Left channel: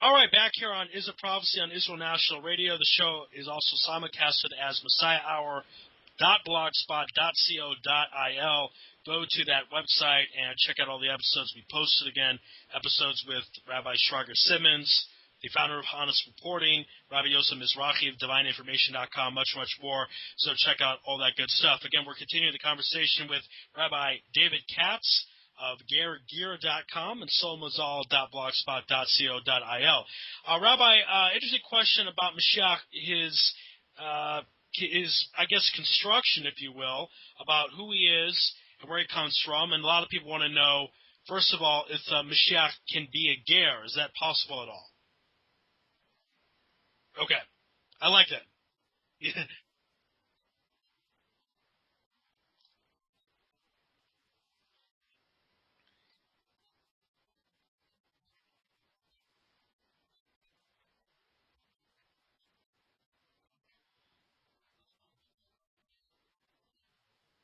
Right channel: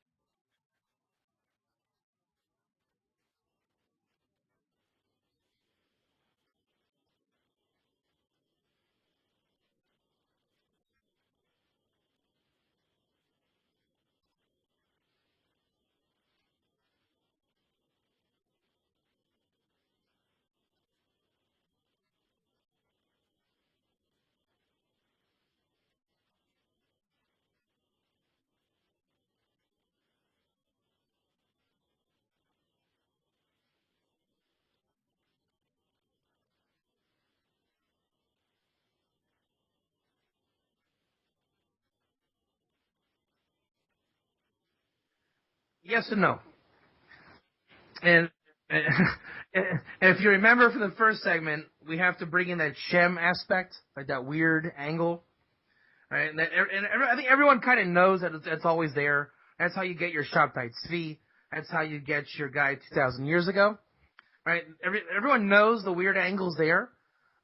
All right, back here on Is a Prophecy on Israel National Radio. The show is also simulcasted as MessiahHour.blogspot.co.il. Go to that website and check out all the episodes we posted again. Episodes with Rabbi Shrager Simmons, the founder of Honest Reporting, Rabbi Yosef Mizrahi of DivineInformation.com, much, much more. So check out all that good stuff. Again, we're continuing the conversation with Rabbi David Katz of GearGear.com and solmazal.blogspot.co.il. Rabbi, interesting question about Mashiach, his, I guess, construction, if you will, about who he is and where he comes from. And a lot of people want to know, first of all, if Mashiach can be a ger. Is that possible at all? Yes and no. Okay. I like that. And if you remember from the first segment, we have to bring in that Shem aspect, like that weird angle. Right? And I think everyone kind of knows that it's always there. That's how you get your Shabtai Tzvi. That's how you get your guy 2,000 years ago. Right? Everyone knows the weird angle's there.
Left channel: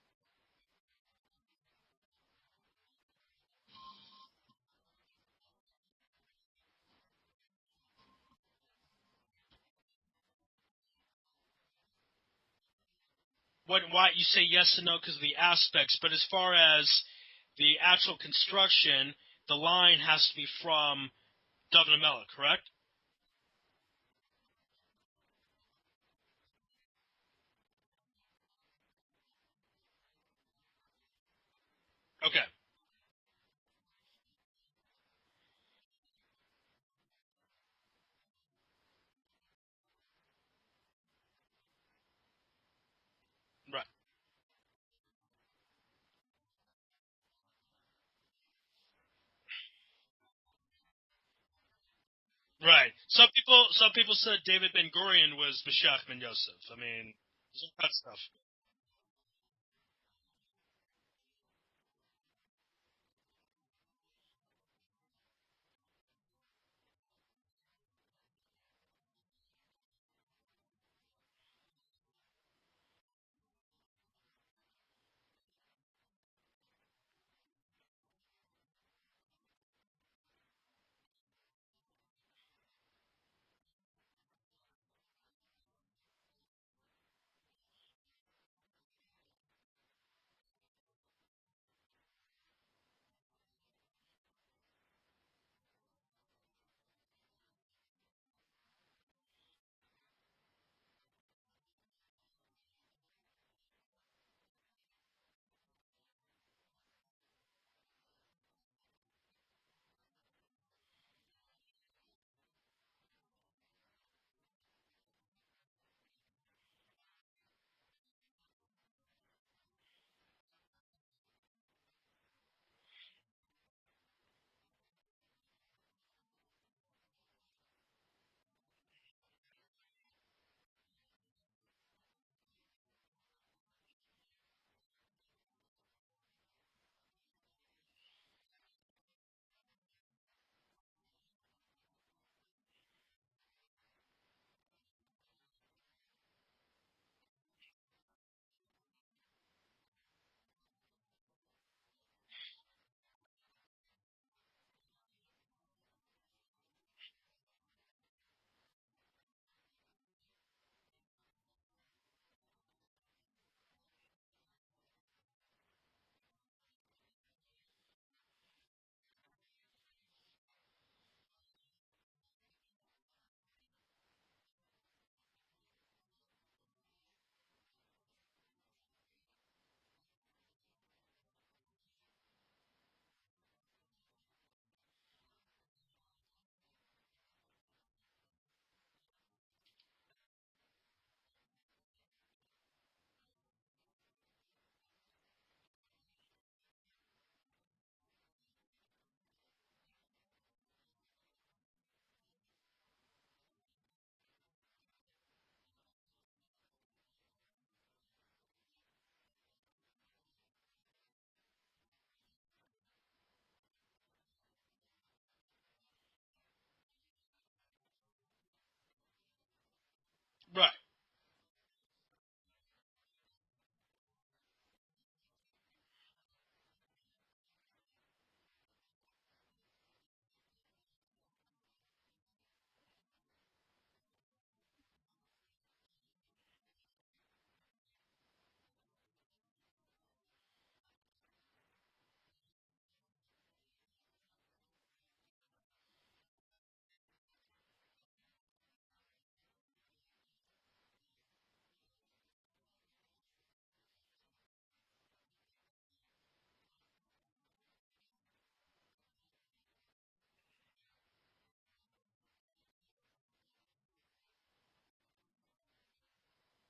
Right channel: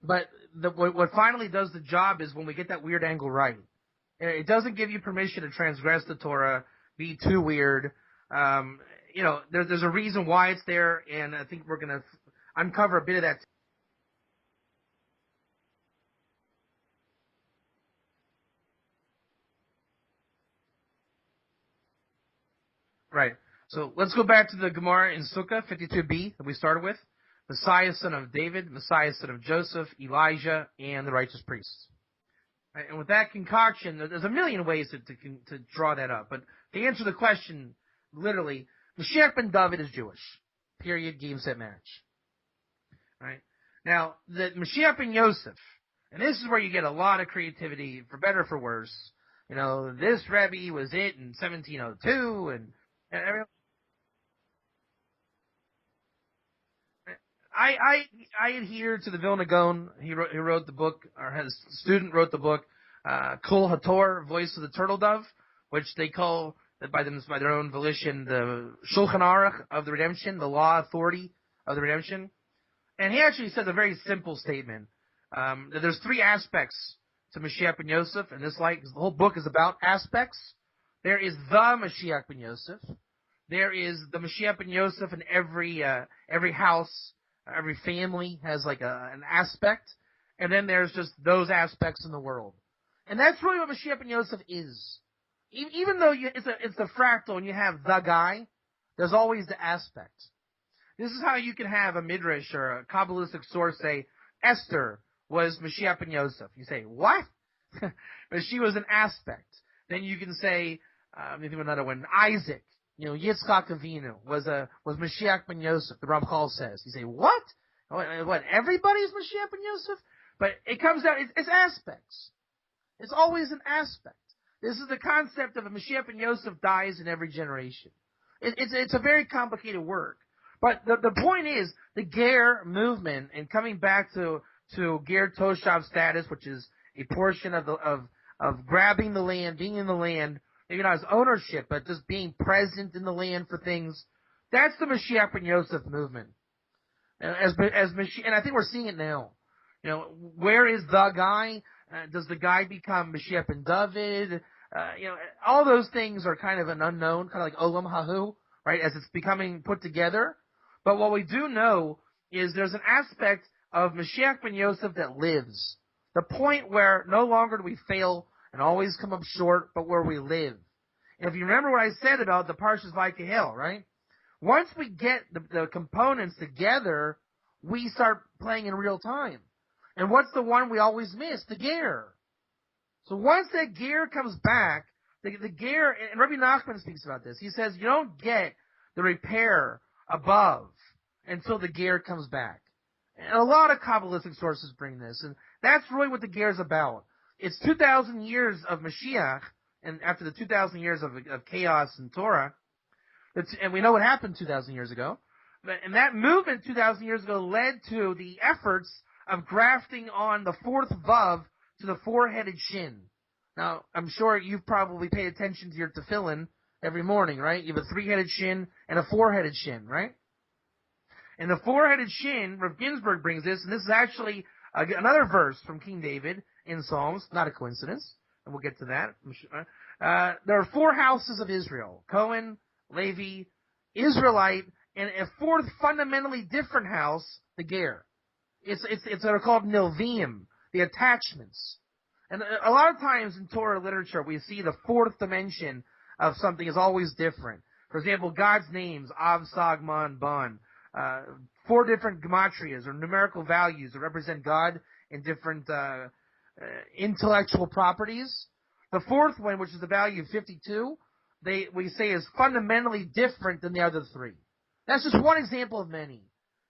But what finally does the job is when we get that weird angle right. It doesn't give you permission to transgress the Torah, be too weird. There's a reason why it's there, and I think we're going to uncover a bit of that. Why you say yes and no because of the aspects, but as far as the actual construction, the line has to be from David HaMelech, correct? Right. So let's go back to the Gemara in Sukkah 52b that we started with. Messiah, son of David, Messiah, son of Joseph, Elijah, and the righteous priests. Okay. Right, and with that concoction, there's a million ways to draw that up. But to answer the question, literally, Mashiach ben David is Jewish. Period. Game, set, match. Right? Now, the Mashiach ben Yosef, and this is where you get a lot of creativity, for better or for worse. This Rebbe was it in 1702. And, right. Some people said David Ben Gurion was Mashiach ben Yosef. I mean, I adhere to the Vilna Gaon. He wrote the book, or his student wrote the book, Kol HaTor, Voice of the Turtle Dove, which they call by their own volition the Shulchan Aruch of the Redemption, the law authority of the Redemption. And he actually says a very simple statement. That there's three aspects to Mashiach ben Yosef, and the whole book is about aspects. There is the Mashiach ben Yosef. There is the Mashiach ben Yosef in every house, every family has like an aspect, and then there's just those aspects in the world. And that's really what Mashiach ben Yosef is. Even though it's a fractal and you have the guy, there's always the aspect. This is how you can have a midrash or a Kabbalistic source say, Esther was Mashiach ben Yosef. You say, what? But she was an aspect. Then you can say, think of another one, Isaac, Yitzchak Avinu was Mashiach ben Yosef, the Ramchal says. You say, what? What, everybody's Mashiach ben Yosef? But it comes down, it's aspects. It's always an aspect. This is the concept of a Mashiach ben Yosef dies in every generation. It's a very complicated work. But the point is, the Ger movement, and coming back to Ger Toshav status, which is a portion of grabbing the land, being in the land, maybe not as ownership, but just being present in the land for things. That's the Mashiach ben Yosef movement. And I think we're seeing it now. Where is the guy? Does the guy become Mashiach ben David? All those things are kind of an unknown, kind of like Olam Hahu, right? As it's becoming put together. But what we do know is there's an aspect of Mashiach ben Yosef that lives. The point where no longer do we fail and always come up short, but where we live. And if you remember what I said about the Parshas Vayikahel, right? Once we get the components together, we start playing in real time. And what's the one we always miss? The Ger. So once that Ger comes back, the Ger, and Rabbi Nachman speaks about this, he says you don't get the repair above until the Ger comes back. And a lot of Kabbalistic sources bring this, and that's really what the Ger is about. It's 2,000 years of Mashiach, and after the 2,000 years of chaos and Torah, and we know what happened 2,000 years ago, and that movement 2,000 years ago led to the efforts of grafting on the fourth vav to the four-headed shin. Now, I'm sure you've probably paid attention to your tefillin every morning, right? You have a three-headed shin and a four-headed shin, right? Right. And the four-headed shin, Rav Ginsburg brings this, and this is actually another verse from King David in Psalms, not a coincidence, and we'll get to that. There are 4 houses of Israel: Cohen, Levi, Israelite, and a 4th fundamentally different house, the Ger. It's what are called Nilvim, the attachments. And a lot of times in Torah literature, we see the 4th dimension of something is always different. For example, God's names, Av, Sag, Man, Ban. 4 different gematrias or numerical values that represent God in different intellectual properties. The 4th one, which is the value of 52, we say is fundamentally different than the other 3. That's just one example of many.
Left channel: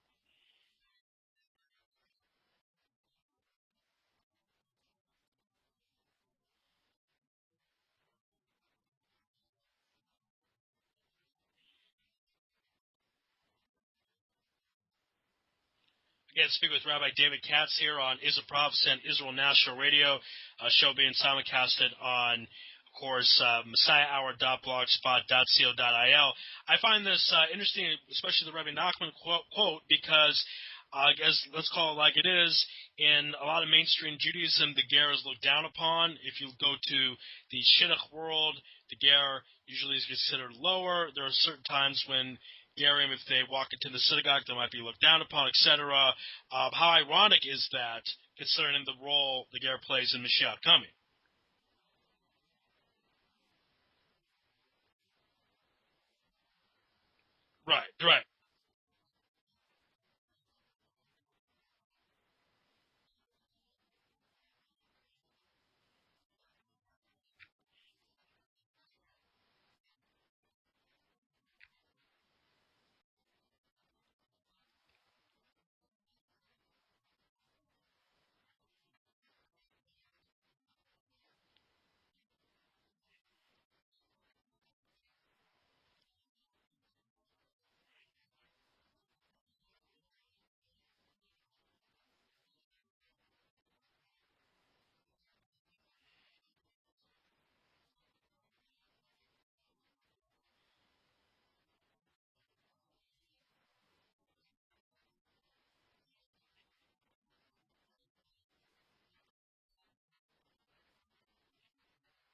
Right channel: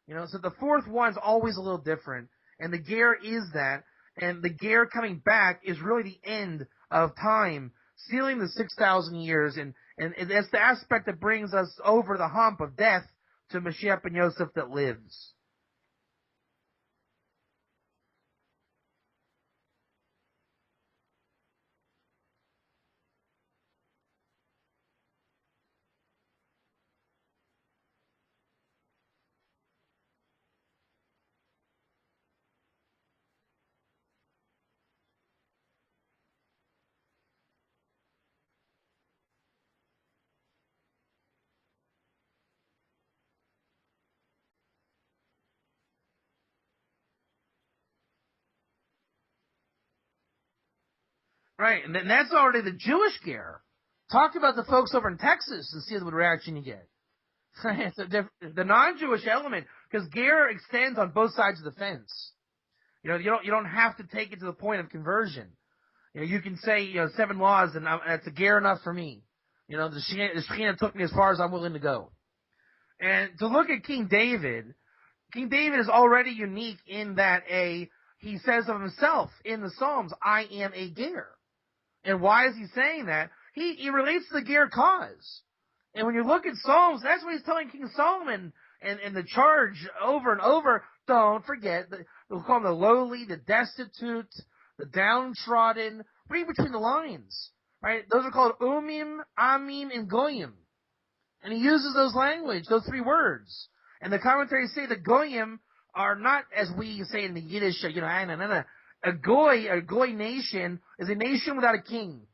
So the 4th one's always a little different, and the Ger is that, and the Ger coming back is really the end of time, sealing the 6,000 years, and it's the aspect that brings us over the hump of death to Mashiach ben Yosef that lives. Again, speaking with Rabbi David Katz here on Israel Prophecy, Israel National Radio, a show being simulcasted on, of course, messiahhour.blogspot.co.il. I find this interesting, especially the Rabbi Nachman quote, because I guess let's call it like it is. In a lot of mainstream Judaism, the Ger is looked down upon. If you go to the Shidduch world, the Ger usually is considered lower. There are certain times when Gerim, if they walk into the synagogue, they might be looked down upon, etc. How ironic is that, considering the role the Ger plays in Mashiach coming? Right, and that's already the Jewish Ger. Talk about the folks over in Texas and see what reaction you get. Right, the non-Jewish element, because Ger extends on both sides of the fence. You don't have to take it to the point of conversion. You can say 7 laws, and that's a Ger enough for me. The Shekhinah took me as far as I'm willing to go. And to look at King David is already unique in that he says of himself in the Psalms, I am a Ger. And why is he saying that? He relates to the Ger cause. And when you look at Psalms, that's what he's telling King Solomon and the charge over and over. Don't forget, we'll call them the lowly, the destitute, the downtrodden. Read between the lines. Right? Those are called Umim, Amim, and Goyim. And he uses those 3 words. And the commentaries say the Goyim are not, as we say in the Yiddish, a Goy nation is a nation without a king.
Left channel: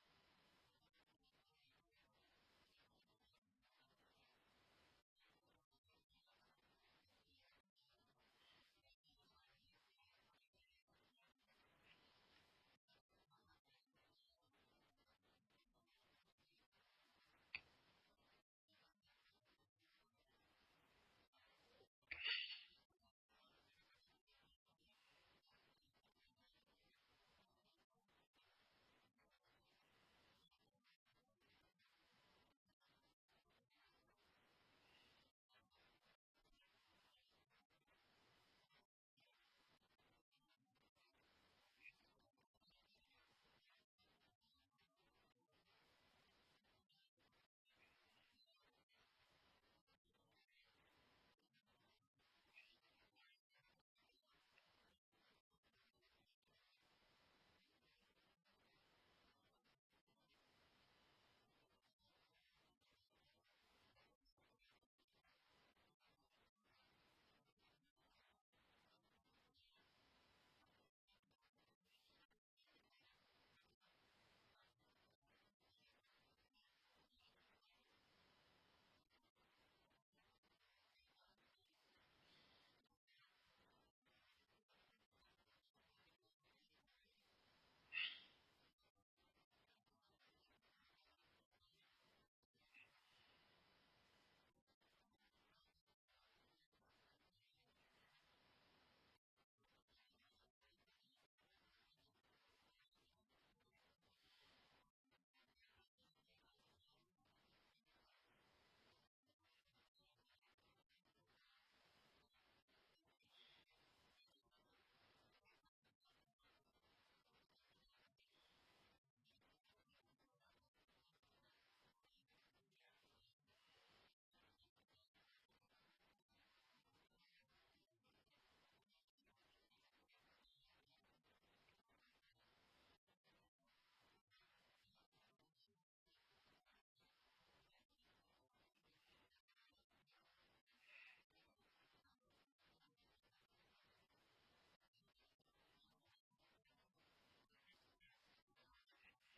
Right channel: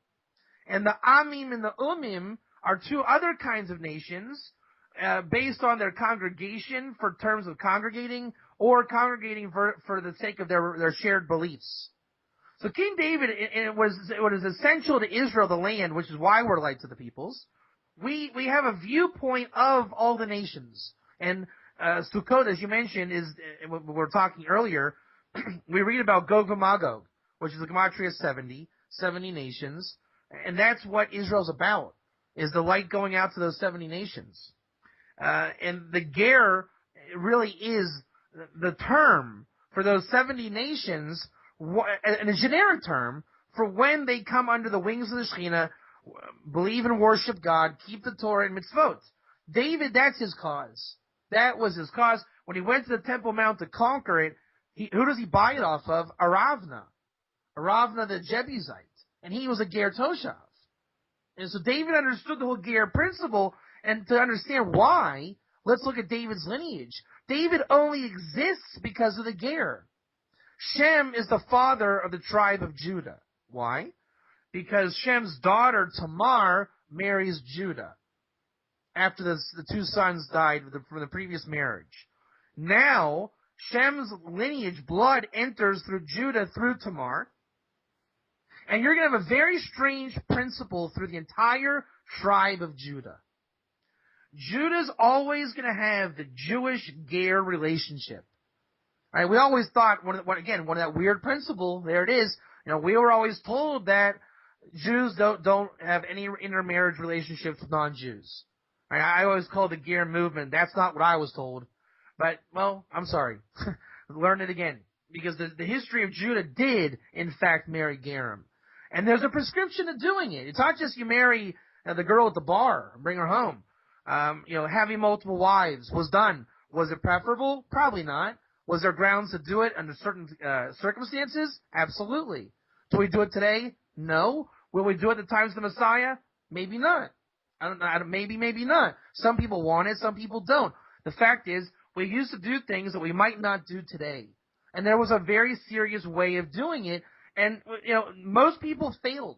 And the Amim and the Umim are 2 other kinds of nations based on their congregation for terms of congregating or congregating for the sake of their shared beliefs. So King David, it was essential to Israel, the land, which is why we're light to the peoples. We have a viewpoint of all the nations. And Sukkot, as you mentioned, is we were talking earlier, we read about Gog and Magog, which is the Gematria 70 nations, and that's what Israel's about, is the light going out to those 70 nations. And the Ger really is the term for those 70 nations, and a generic term for when they come under the wings of the Shekhinah, believe and worship God, keep the Torah and mitzvot. David, that's his cause. That was his cause. When he went to the Temple Mount to conquer it, who does he buy it off of? Aravna the Jebusite. And he was a Ger Toshav. And so David understood the whole Ger principle, and to understand why, let's look at David's lineage. David only exists because of the Ger. Shem is the father of the tribe of Judah. Why? Because Shem's daughter, Tamar, marries Judah after the 2 sons died from the previous marriage. Now, Shem's lineage, blood, enters through Judah, through Tamar. And you're going to have a very strange principle through the entire tribe of Judah. Judah's always going to have the Jewish-Ger relationship. Right? We always thought, one of that weird principle, there it is. We were always told that Jews don't have any intermarriage relationships with non-Jews. Right? I always call the Ger movement. That's not what I was told. But, well, I'm sorry. Learn it again. Because the history of Judah did, in fact, marry Gerim. And there's a prescription to doing it. It's not just you marry the girl at the bar and bring her home. Having multiple wives was done. Was it preferable? Probably not. Was there grounds to do it under certain circumstances? Absolutely. Do we do it today? No. Will we do it at the times of the Messiah? Maybe not. Maybe not. Some people want it, some people don't. The fact is, we used to do things that we might not do today. And there was a very serious way of doing it, And, most people failed.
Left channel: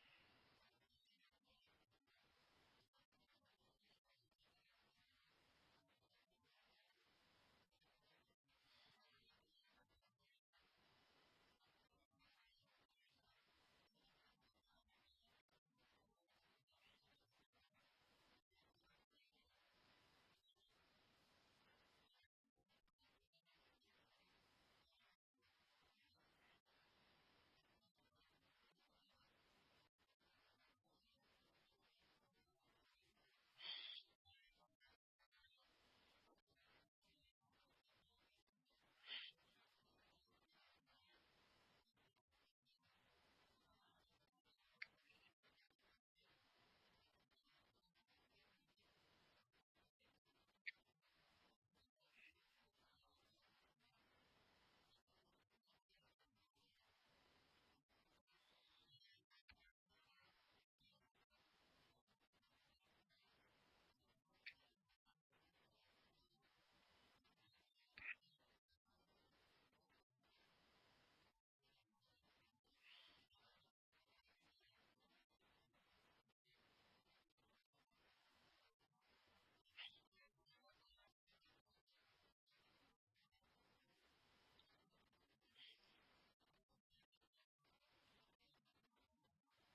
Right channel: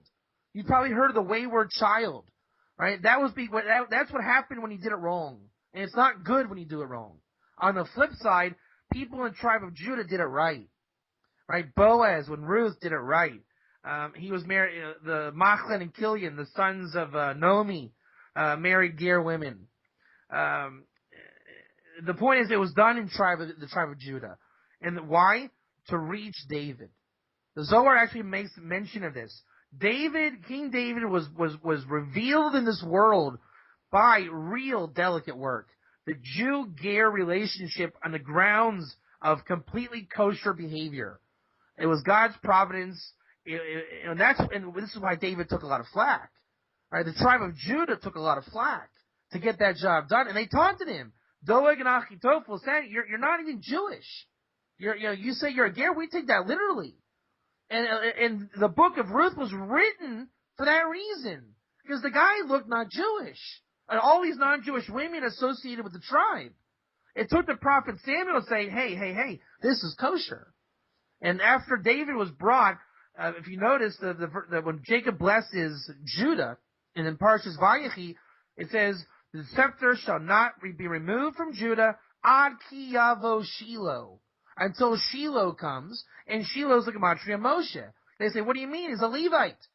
You probably heard of the wayward child, right? That's what happened when you did it wrong. And it's not good when you do it wrong. On the flip side, people in the tribe of Judah did it right. Right? Boaz, when Ruth did it right. He was married, the Machlin and Kilian, the sons of Naomi, married Ger women. The point is, it was done in the tribe of Judah. And why? To reach David. The Zohar actually makes mention of this. King David was revealed in this world by real delicate work. The Jew-Ger relationship on the grounds of completely kosher behavior. It was God's providence, and this is why David took a lot of flack. Right? The tribe of Judah took a lot of flack to get that job done, and they taunted him. Doeg and Achitophel said, "You're not even Jewish. You say you're a Ger. We take that literally." And the book of Ruth was written for that reason, because the guy looked not Jewish, and all these non-Jewish women associated with the tribe. It took the prophet Samuel to say, "Hey, this is kosher." And after David was brought, if you notice, when Jacob blesses Judah, and in Parshas Vayechi, it says, "The scepter shall not be removed from Judah ad ki yavo Shiloh," until Shiloh comes, and Shiloh's the gematria Moshe. They say, "What do you mean? He's a Levite."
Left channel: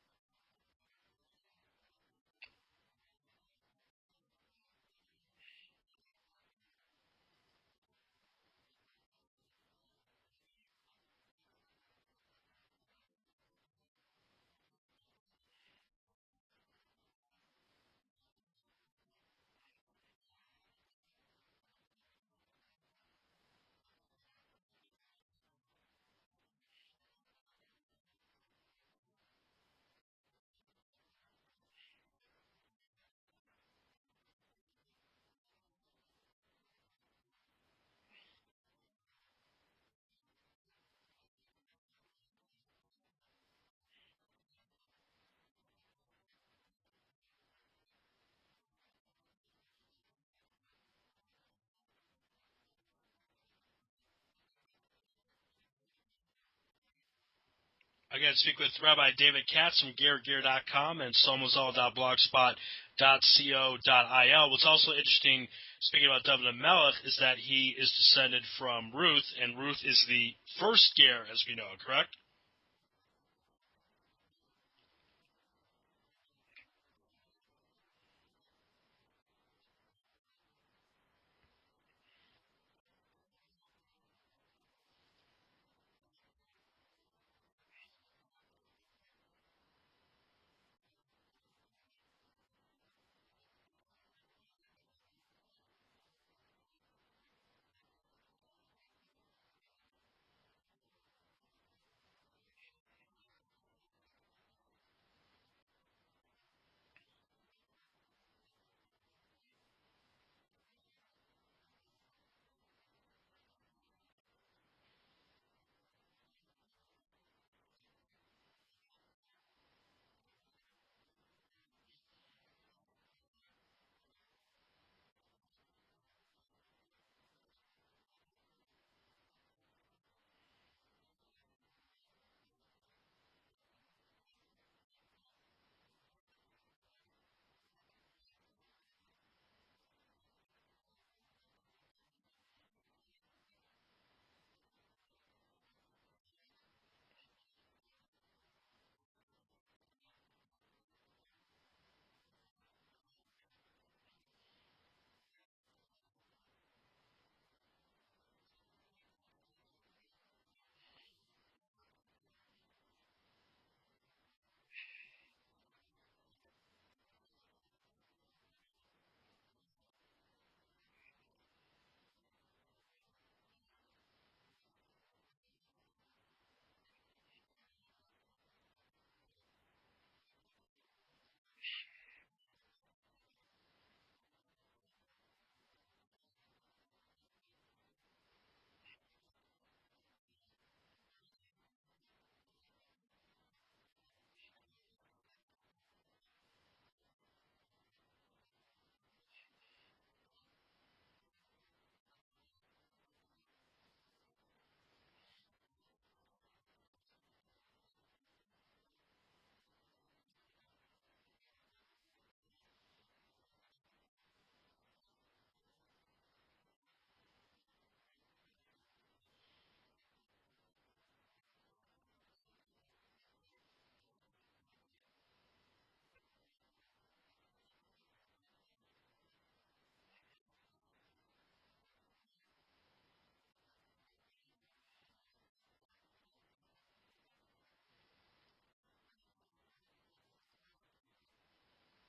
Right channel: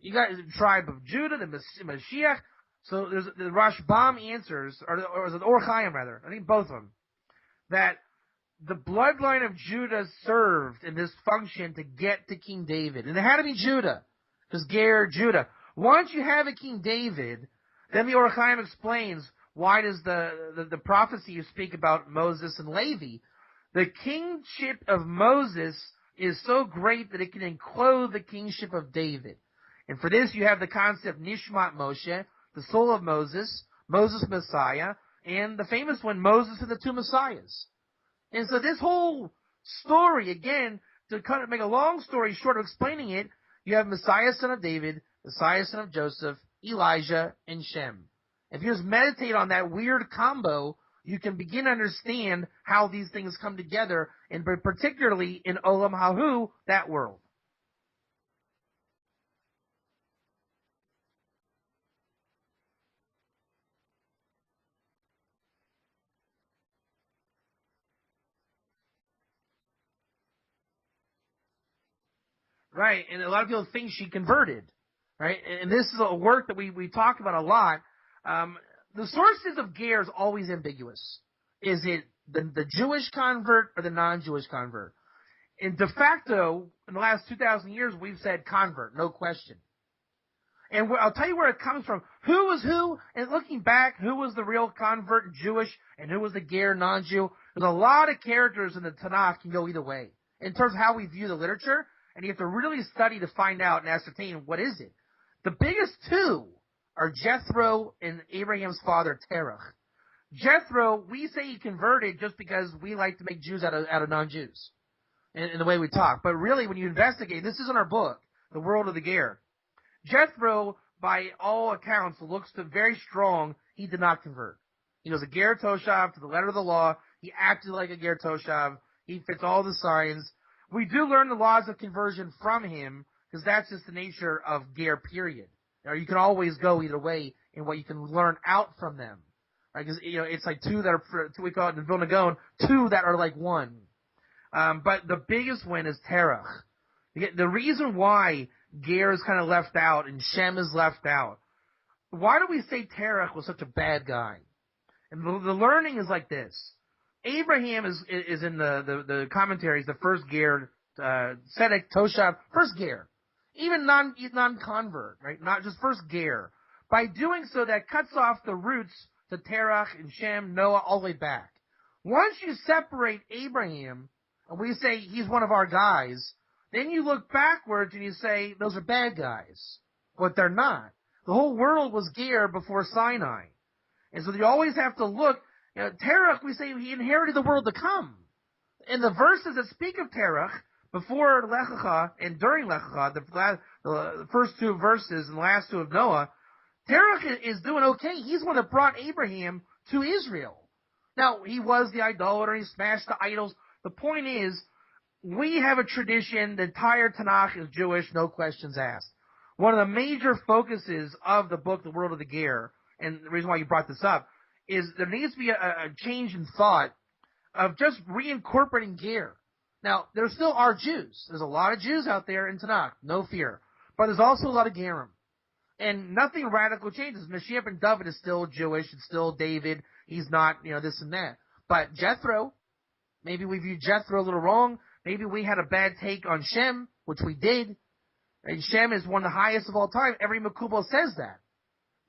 You got the tribe of Judah, the Mashiach. So there's the Rashbam answers, or is it Or Chaim rather? I think both of them. That the bloodline of Judah served in this function to get to King David. And it had to be Judah, because Ger, Judah. Once you have a King David, then the Or Chaim explains why does the prophecy you speak about Moses and Levi. The kingship of Moses is so great that it can enclose the kingship of David. And for this you have the concept Nishmat Moshe, the soul of Moses, Moses Messiah, and the famous one, Moses and the two Messiahs. And so this whole story, again, to kind of make a long story short of explaining it, you have Messiah, son of David, Messiah, son of Joseph, Elijah, and Shem. If you just meditate on that weird combo, you can begin to understand how these things come together, and particularly in Olam Hahu, that world. Again, speak with Rabbi David Katz from GerGer.com and somazal.blogspot.co.il. What's also interesting, speaking about David Melech, is that he is descended from Ruth, and Ruth is the first Ger, as we know, correct? Right, and a lot of people think she converted, right? And this is a work that we talk about a lot. The sources of Ger is always ambiguous. Is it the Jewish convert or the non-Jewish convert? In de facto, in the last 2,000 years, we've said convert, no question. And I'll tell you where it comes from. Who was who? And looking back, who was the real convert Jewish and who was the Ger non-Jew? There's a lot of characters in the Tanakh can go either way in terms of how we view the literature, and you have to really study to find out and ascertain what is it. The biggest two are Jethro and Abraham's father Terach. Jethro, we say he converted just because we like to make Jews out of non-Jews in the way we talk. But really, when you investigate, this is in our book, The World of the Ger. Jethro, by all accounts, looks to very strong. He did not convert. He was a Ger Toshav to the letter of the law. He acted like a Ger Toshav. He fits all the signs. We do learn the laws of conversion from him, because that's just the nature of Ger, period. Now, you can always go either way in what you can learn out from them. Right? Because, it's like two that are, we call it in Vilna Gaon, two that are like one. But the biggest one is Terach. The reason why Ger is kind of left out and Shem is left out, why do we say Terach was such a bad guy? And the learning is like this. Abraham is in the commentaries, the first Ger, Tzedek, Toshav, first Ger. Even non-convert, right? Not just first Ger. By doing so, that cuts off the roots to Terach and Shem, Noah, all the way back. Once you separate Abraham, and we say he's one of our guys, then you look backwards and you say those are bad guys. But they're not. The whole world was Ger before Sinai. And so you always have to look. Terach, we say he inherited the world to come. In the verses that speak of Terach, before Lech Lecha and during Lech Lecha, the first two verses and the last two of Noah, Terach is doing okay. He's the one that brought Abraham to Israel. Now, he was the idolater. He smashed the idols. The point is, we have a tradition, the entire Tanakh is Jewish, no questions asked. One of the major focuses of the book, The World of the Ger, and the reason why you brought this up, is there needs to be a change in thought of just reincorporating Ger. Now, there still are Jews. There's a lot of Jews out there in Tanakh, no fear. But there's also a lot of Gerim. And nothing radical changes. Mashiach ben David is still Jewish. It's still David. He's not, this and that. But Jethro, maybe we viewed Jethro a little wrong. Maybe we had a bad take on Shem, which we did. And Shem is one of the highest of all time. Every Makubal says that.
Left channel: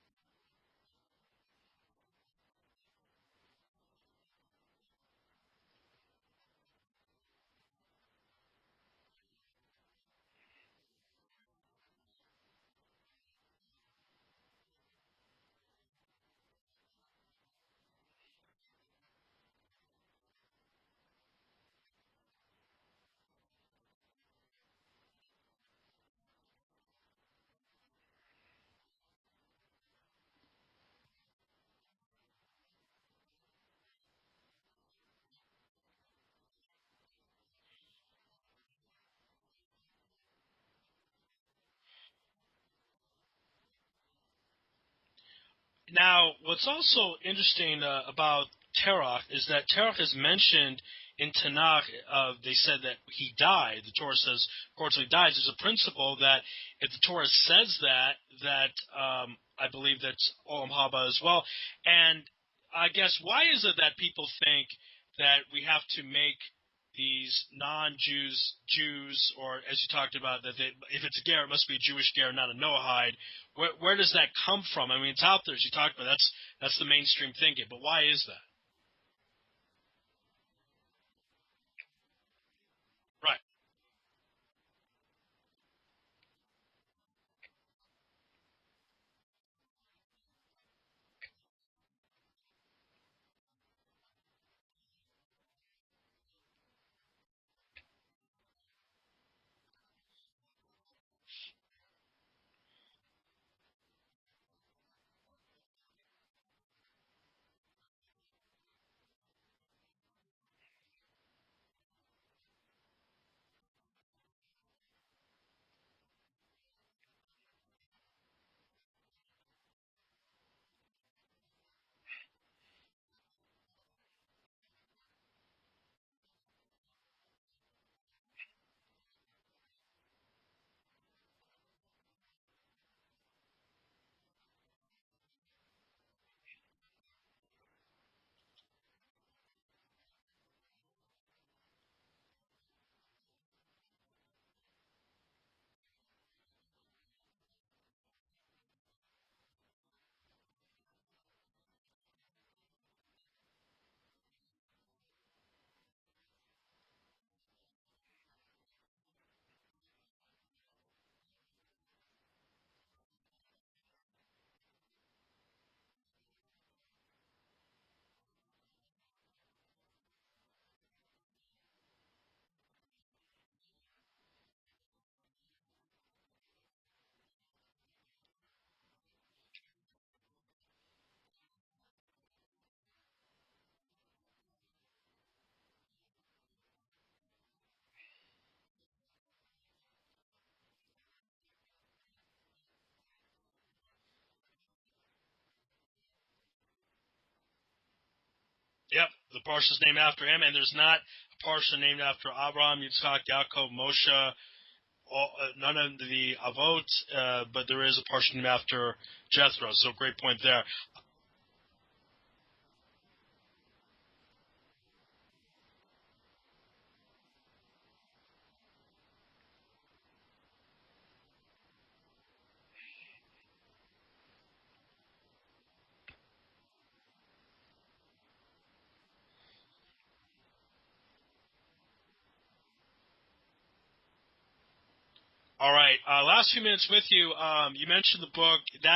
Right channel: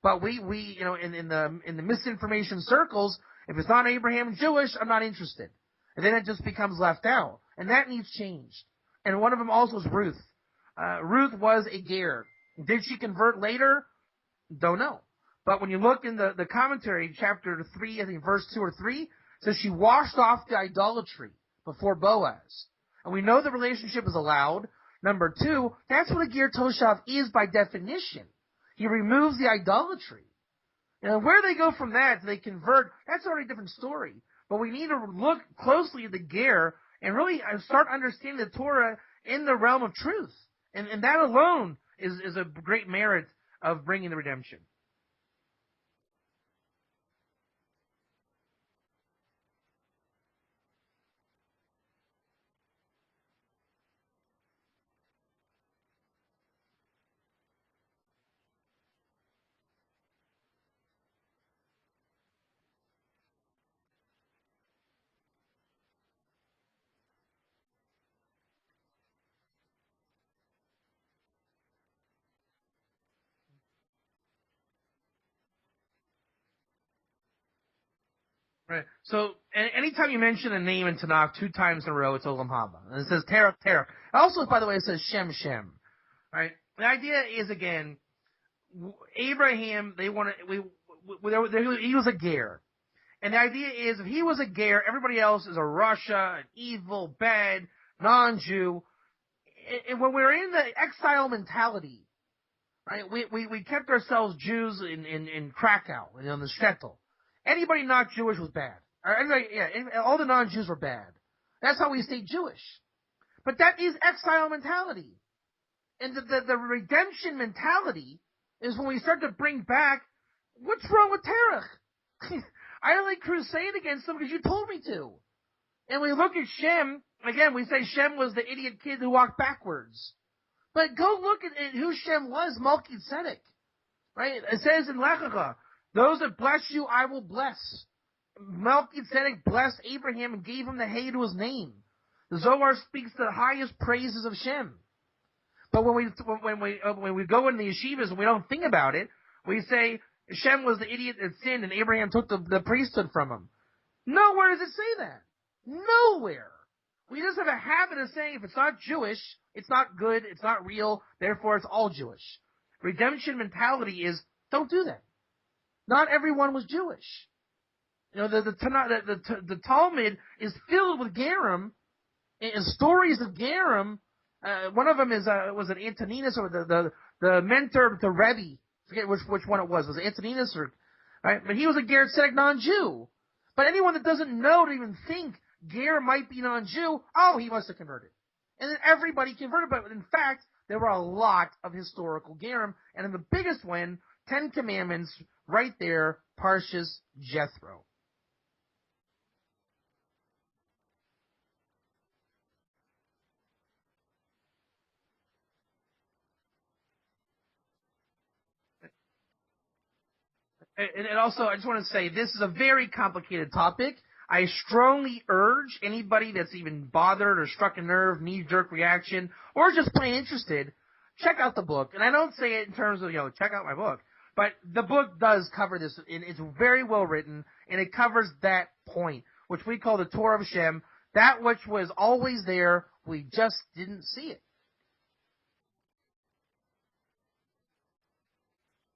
But we in the misinformation circles, if it's not Abraham Jewish, I'm not interested. And then it just becomes left out. And that needs change. And one of them also is Ruth. Ruth was a Ger. Did she convert later? Don't know. But when you look in the commentary, chapter 3, I think verse 2 or 3, it says she washed off the idolatry before Boaz. And we know the relationship is allowed. Number 2, that's what a Ger Toshav is by definition. He removes the idolatry. And where they go from that, they convert, that's already a different story. But we need to look closely at the Ger and really start understanding the Torah in the realm of truth. And that alone is a great merit of bringing the redemption. Now, what's also interesting about Terach is that Terach is mentioned in Tanakh. They said that he died. The Torah says, according to he dies. There's a principle that if the Torah says that I believe that's Olam Haba as well. And I guess why is it that people think that we have to make these non-Jews, or as you talked about, that if it's a Ger, it must be a Jewish Ger, not a Noahide. Where does that come from? I mean, it's out there, as you talked about. That's the mainstream thinking. But why is that? Right. So anytime you mention a name in Tanakh 2 times in a row, it's Olam Haba. And it says right. Terach. Also, by the way, it says Shem. Right. The idea is, again, Abraham. He was a Ger. And the idea is, if he was a Ger, everybody else is a Russia, an evil, bad, non-Jew. And when we're in the exile mentality, right, we kept ourselves Jews in Krakow, in the shtetl. Anybody not Jewish was bad. All the non-Jews were bad. That's how we stayed Jewish. But that is exile mentality. And the redemption mentality is when we start to bring back, what's wrong with Terach? I only crusade against them because you told me to. And we look at Shem, again, we say Shem was the idiot kid who walked backwards. But go look at who Shem was, Melchizedek. Right? It says in Lechacha, those that bless you, I will bless. Melchizedek blessed Abraham and gave him the hay to his name. The Zohar speaks the highest praises of Shem. But when we go in the yeshivas and we don't think about it, we say Shem was the idiot that sinned and Abraham took the priesthood from him. Nowhere does it say that. Nowhere. We just have a habit of saying if it's not Jewish, it's not good, it's not real, therefore it's all Jewish. Redemption mentality is, don't do that. Not everyone was Jewish. The Talmud is filled with Gerim and stories of Gerim. One of them was it Antoninus or the mentor to Rebbe? I forget which one it was. Was it Antoninus or right? But he was a Ger Tzedek non-Jew. But anyone that doesn't know to even think Ger might be non-Jew, he must have converted. And then everybody converted. But in fact, there were a lot of historical Gerim, and in the biggest one, 10 Commandments, right there, Parshas Jethro. Yep, the Parsha is named after him, and there's not a Parsha named after Abraham, Yitzchak, Yaakov, Moshe, none of the Avot, but there is a Parsha named after Jethro. So great point there. And also, I just want to say, this is a very complicated topic. I strongly urge anybody that's even bothered or struck a nerve, knee-jerk reaction, or just plain interested, check out the book. And I don't say it in terms of, check out my book. But the book does cover this, and it's very well written, and it covers that point, which we call the Torah of Shem, that which was always there, we just didn't see it. All right, last few minutes with you. You mentioned the book. They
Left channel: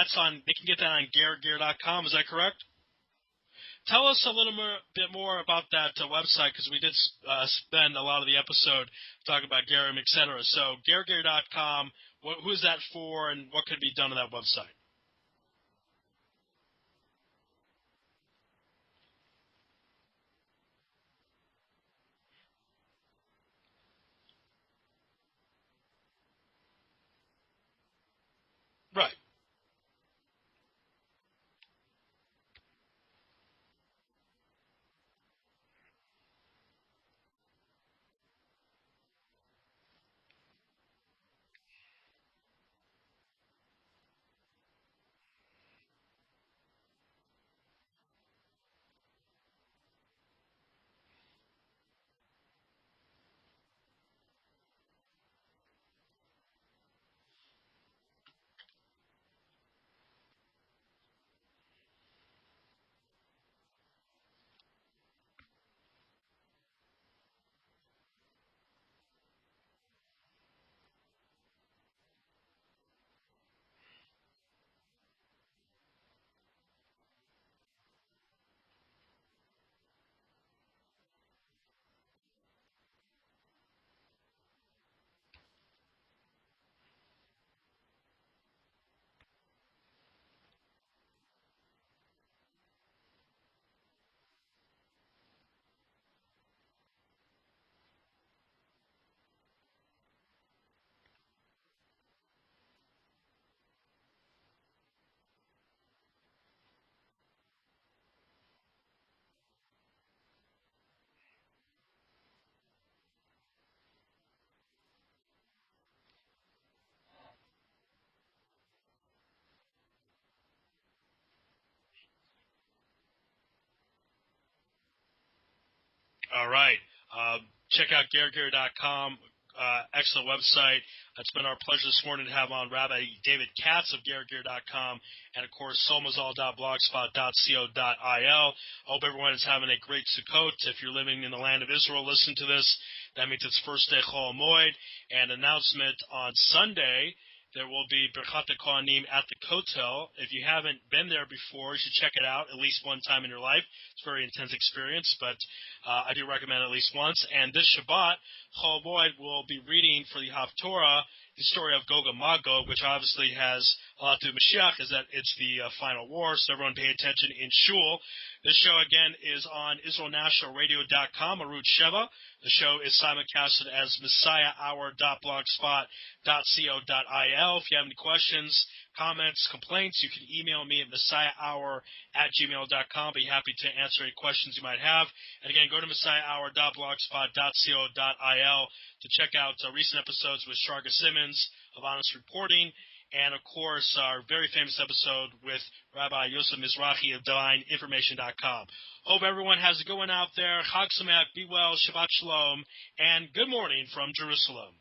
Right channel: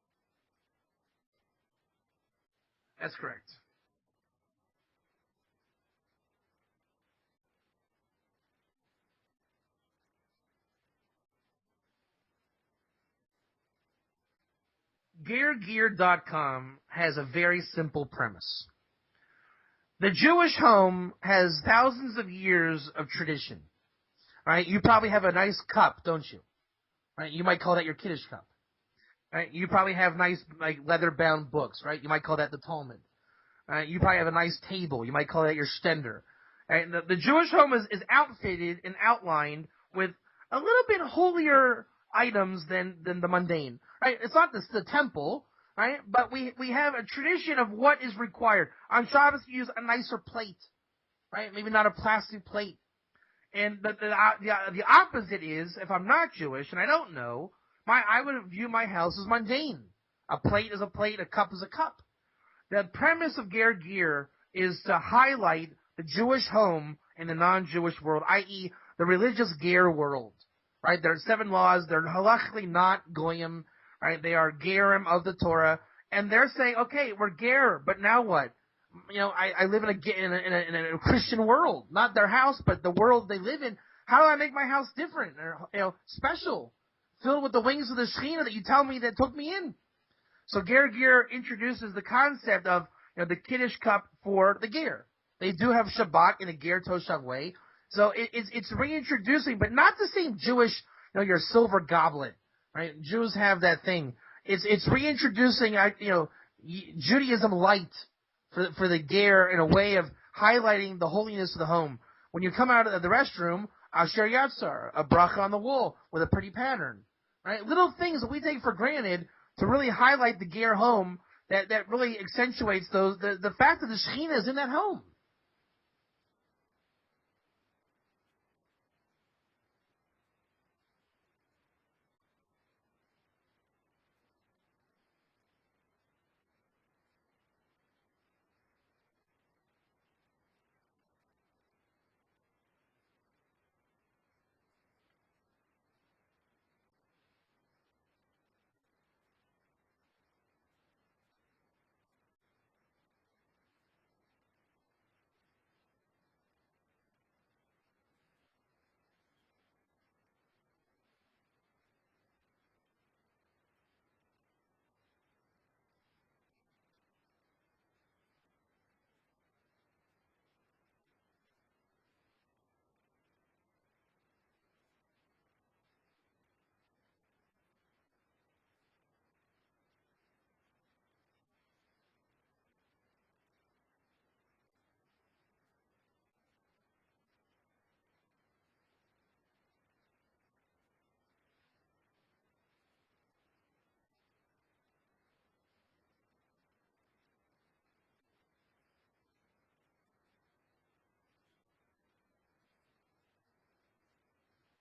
can get that on gergear.com, is that correct? That's correct. Tell us a little bit more about that website, because we did spend a lot of the episode talking about Gerim, etc. So gergear.com, who is that for, and what could be done on that website? Gergear.com has a very simple premise. The Jewish home has thousands of years of tradition. right? You probably have a nice cup, don't you? Right? You might call that your Kiddush cup. Right. Right? You probably have nice, like, leather-bound books, right? You might call that the Talmud. Right? You probably have a nice table. You might call that your stender. Right? The Jewish home is outfitted and outlined with a little bit holier items than the mundane. Right? It's not the temple, right? But we have a tradition of what is required. On Shabbos, we use a nicer plate, right? Maybe not a plastic plate. And the opposite is, if I'm not Jewish and I don't know, I would view my house as mundane. A plate is a plate, a cup is a cup. The premise of Ger Ger is to highlight the Jewish home in the non-Jewish world, i.e., the religious Ger world. Right? There are 7 laws. They're halachically not goyim. Right? They are gerim of the Torah, and they're saying, okay, we're ger, but now what? You know, I live in a Christian world, not their house, but the world they live in. How do I make my house different, or special, filled with the wings of the Shekhinah that you tell me that took me in? So Ger Ger introduces the concept of the Kiddush cup for the ger. They do have Shabbat in a ger toshav way, so it's reintroducing, but not the same Jewish, your silver goblet, right? Jews have that thing. It's reintroducing, Judaism light for the ger in a way of highlighting the holiness of the home. When you come out of the restroom, Asher Yatzar, a bracha on the wall with a pretty pattern, right? Little things that we take for granted to really highlight the ger home that really accentuates the fact that the Shekhinah is in that home. All right. Check out gerger.com. Excellent website. It's been our pleasure this morning to have on Rabbi David Katz of gerger.com and, of course, somazal.blogspot.co.il. I hope everyone is having a great Sukkot. If you're living in the land of Israel, listen to this. That means it's first day Chol Moed. And announcement on Sunday, there will be Birchat Kohanim at the Kotel. If you haven't been there before, you should check it out at least one time in your life. It's a very intense experience, but I do recommend at least once. And this Shabbat, Chol Moed will be reading for the Haftorah the story of Gog and Magog, which obviously has a lot to do with Mashiach, is that it's the final war, so everyone pay attention in Shul. This show, again, is on IsraelNationalRadio.com, Arut Sheva. The show is simulcasted as messiahhour.blogspot.co.il. If you have any questions, comments, complaints, you can email me at messiahhour@gmail.com. Be happy to answer any questions you might have. And again, go to messiahhour.blogspot.co.il to check out recent episodes with Shraga Simmons of Honest Reporting, and, of course, our very famous episode with Rabbi Yosef Mizrahi of DivineInformation.com. Hope everyone has a good one out there. Chag Sameach, be well, Shabbat Shalom, and good morning from Jerusalem.